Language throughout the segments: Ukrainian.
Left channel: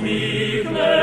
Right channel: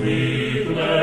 sweet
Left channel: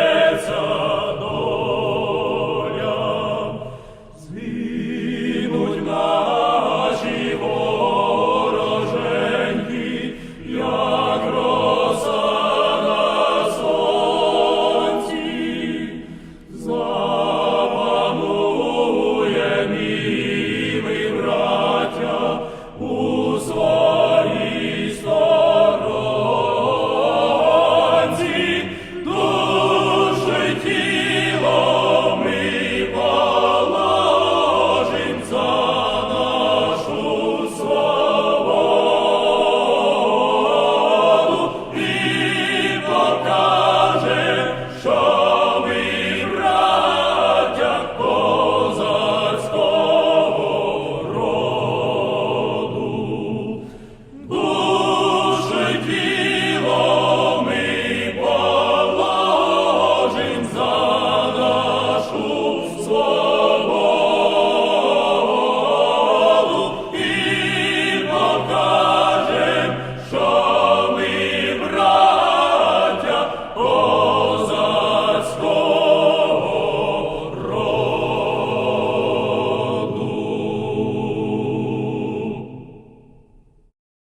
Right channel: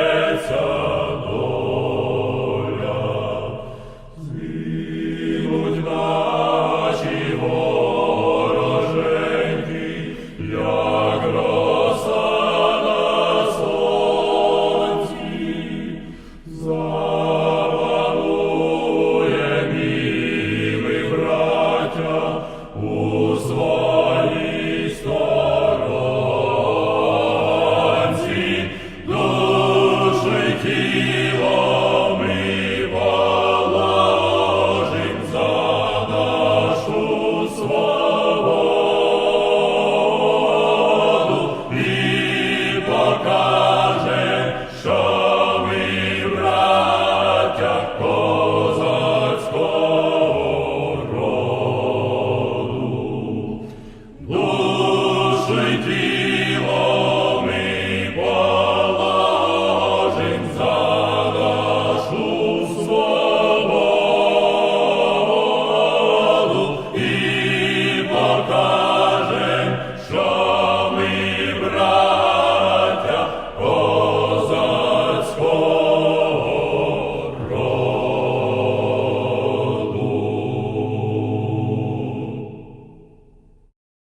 козацького роду. Душить